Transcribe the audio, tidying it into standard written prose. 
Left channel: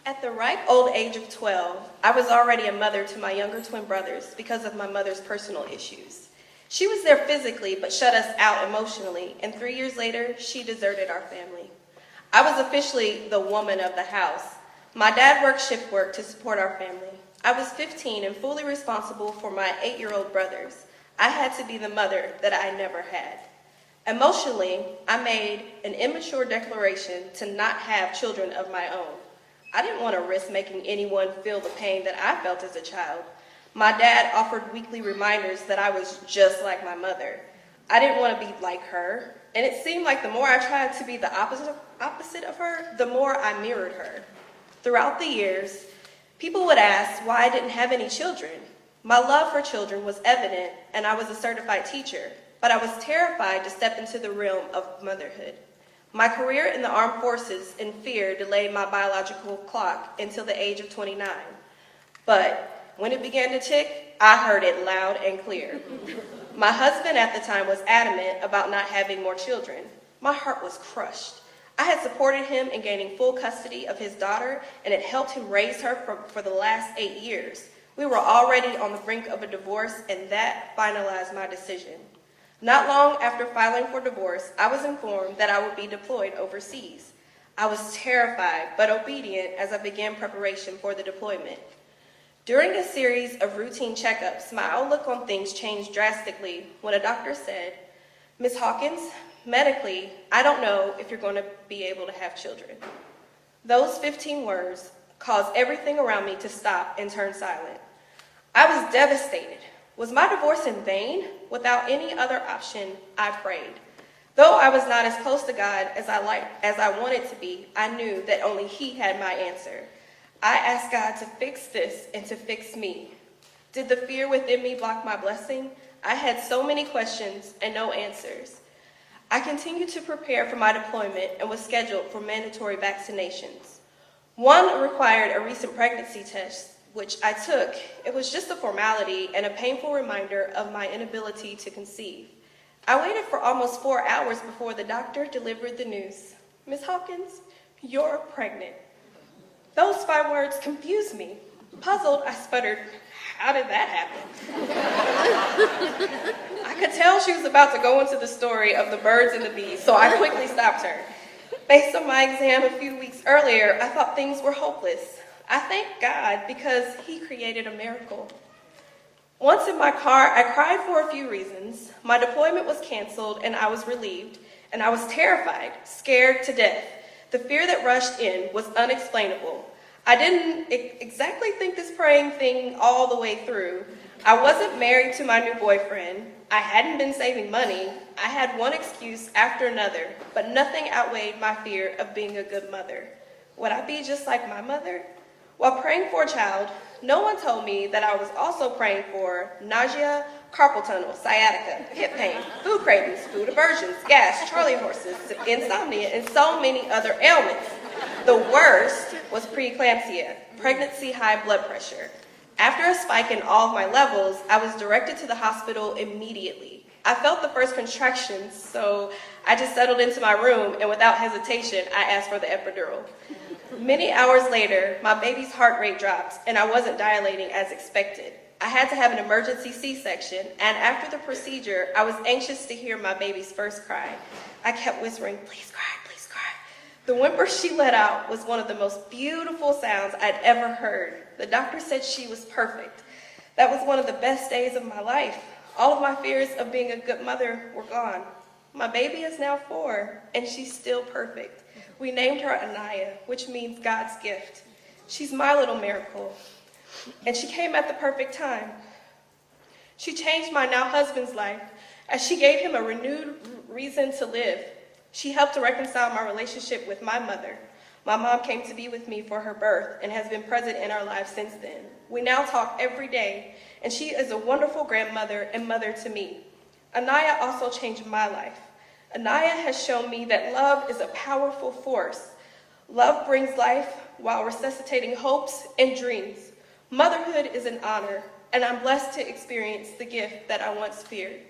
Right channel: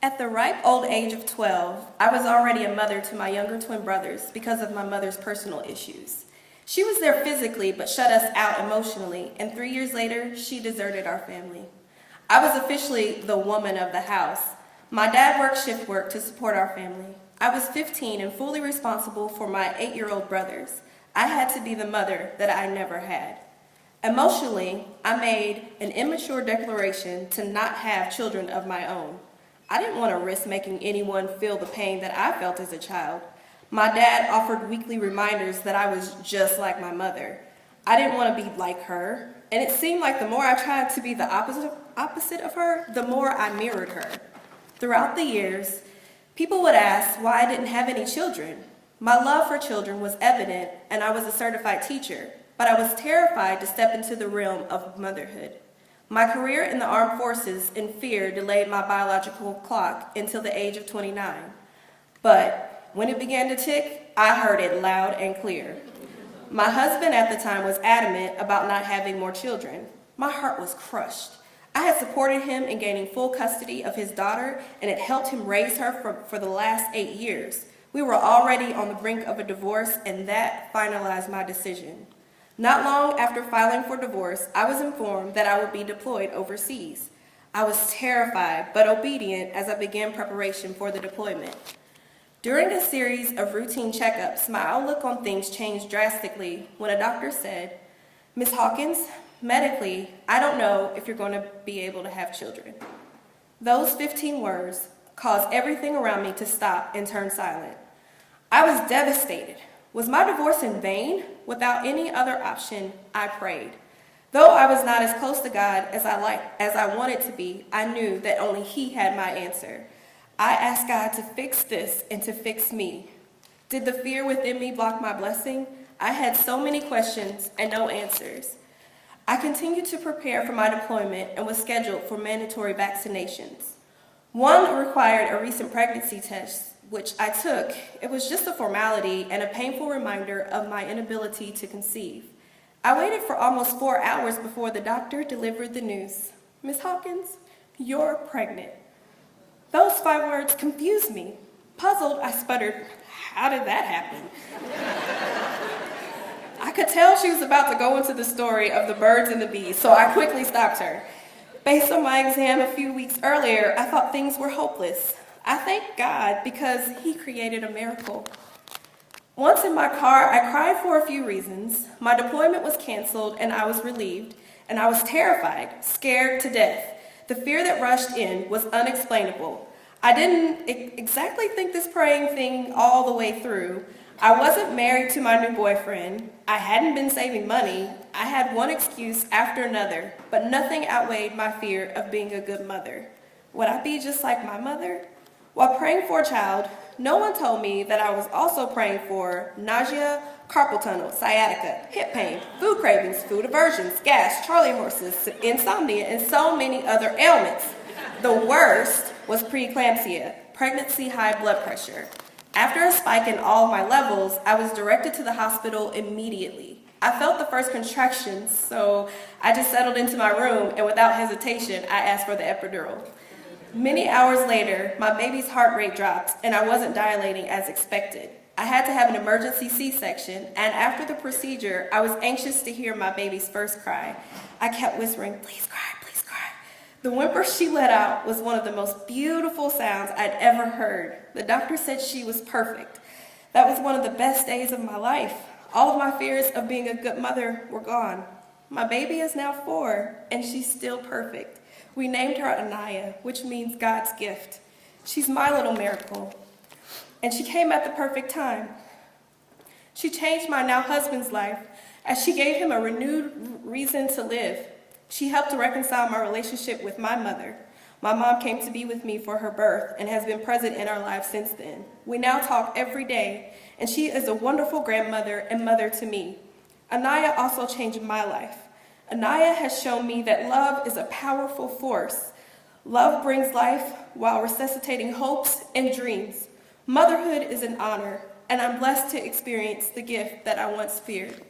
At the ripe old age of 12, I was already a mother to my younger twin brothers because of my mother's personal issues. She was there physically but shut us out emotionally, and 3 years later, she deserted our family. I was officially the woman of the house. My dad worked shift work to support our family. I was 15 and fully responsible for my 8-year-old brothers. I had to be the mother that I never had. Emotionally, I made an immature declaration to not have children of my own. I didn't want to risk making anyone feel the pain that I felt as a child. My dad offered weekly reminders that I was just like my mother. I didn't want to be like her, and it seemed like the more I tried to be the opposite of her, the more I mirrored her. Throughout the years, people would ask why I didn't have any children. My love for children was evident, and I was a certified teacher, but I was terrified to step into the realm of motherhood. My career in the armed forces and fear delayed my biological clock until the age of 29. But when it began to tick, I heard it loud and clear. My husband at the time was adamant about not having more children. My heart was crushed. I had supported him in gaining full custody of his daughter and had helped him raise her for the last 8 years. We were already on the brink of a divorce, and that finalized my decision. Not long after filing for divorce, I was informed that I would be deployed overseas. I was terrified but obedient as I began preparation for the deployment. During a series of routine checkups, my outlook on things changed drastically when a doctor said, "Ms. Hawkins, medically, I don't know if you're going to be able to have children." Those 15 words caused everything around me to stop and turn silent. I was devastated. Was my divorce in vain? Without any other option, I prayed. Though I was not as close to God as I wanted to be, I knew that only He had my answer. I asked God to fix this and to fix me. Did the fear within me block my blessing? I had so many questions and no answers. I continued to prepare for my deployment and was scheduled for mandatory vaccinations. One required a recent pregnancy test, which I took. It was just a formality and a painful reminder of my inability to conceive. I waited for almost 4 hours before the doctor delivered the news. "Ms. Hawkins, you're pregnant." Those 5 words confused me. Puzzled, I sputtered, "How did that happen?" I could tell she was about to go into the story of the birds and the bees, so I quickly stopped her. Based on my exam a few weeks earlier, I thought things were hopeless. I thank God because He created a miracle. Once in my car, I cried for a few reasons. My deployment was canceled and I was relieved, and I was terrified, scared to death. The fear that rushed in was unexplainable. I didn't exactly think this praying thing all the way through. I wasn't married to my new boyfriend. I hadn't been saving money. I had one excuse after another, but nothing outweighed my fear of being a good mother. Would I be just like my mother? While praying for a child, no one told me that I was also praying for nausea, carpal tunnel, sciatica, hip pain, food cravings, food aversions, gas, Charlie horses, insomnia, and so many other ailments. The worst was preeclampsia, pregnancy high blood pressure. After a spike in all my levels, I was directed to the hospital immediately. I felt the first contractions, so I just settled into my room, and without hesitation, I asked for the epidural. Many hours later, my baby's heart rate dropped, and I wasn't dilating as expected. I had to have an emergency C-section, and after the procedure, I was anxious to hear my baby's first cry. I kept whispering, "Please cry, please cry." The whimper she let out was one of the most beautiful sounds I'd ever heard. The doctor said she was perfect. That was one of the best days of my life. All of my fears of being a good mother were gone. My baby is now 4, and she's still perfect. We named her Anaya, which means God's gift. She's my little miracle, and she came at the perfect time. She changed my now husband's life as she gave him a renewed reason to live. She helped to reconcile my relationship with my mother. My mom came to be with me for her birth and has been present in our lives since then. We now talk every day, and she is a wonderful grandmother and mother to me. Anaya also changed my life. Anaya has shown me that love is a powerful force. Love brings life while resuscitating hopes and dreams. Motherhood is an honor, and I'm blessed to experience the gift that I once feared.